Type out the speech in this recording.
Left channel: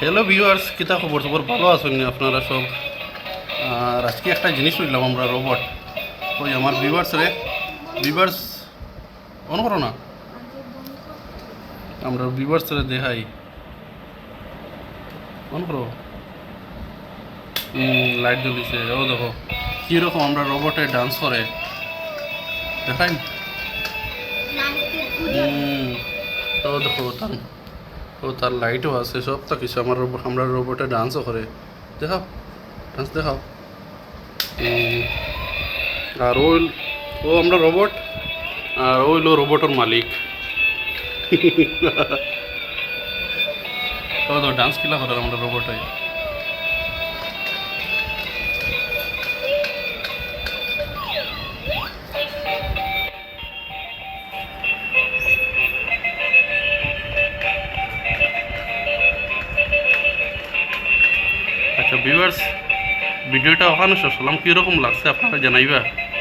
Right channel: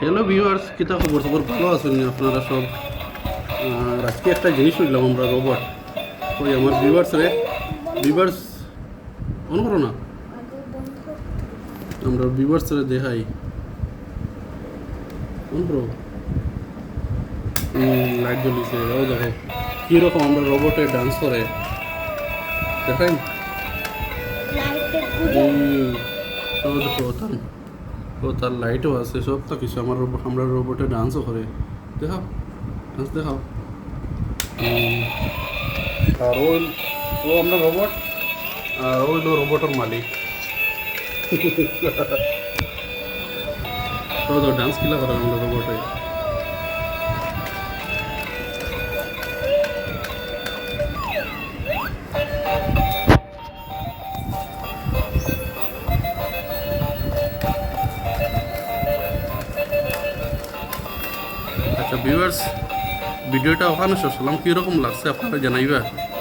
Hello viewers, কিতা খবর সবর ভালো আছেন নি আপনারা সব? আর আজকে একটা জিনিস বুঝলাম আমরা রোবট। ওই আমার ভিউয়ার্স অন করো না, আমরা ভিউয়ার্স রে দেখাই। অন করো। লাইট জ্বলিছে, ও দেখো কীরকম আমরা রোবটে ডান্স করে দেখাই। ও দেখো তার লাইটও আছে, সব তো কিছু আমরা রোবটে ডান্সও করে। দেখাও, ডান্স দেখাও। আর ও আমরা রোবট, আর ও হইলো রোবটের মালিক। ও তো ডান্স কিলা করে আমরা রোবটে। আচ্ছা ভিউয়ার্স, ভিডিওটা ওখানে শেষ হলাম, কীরকম লাগছে আপনারা জানাইবা।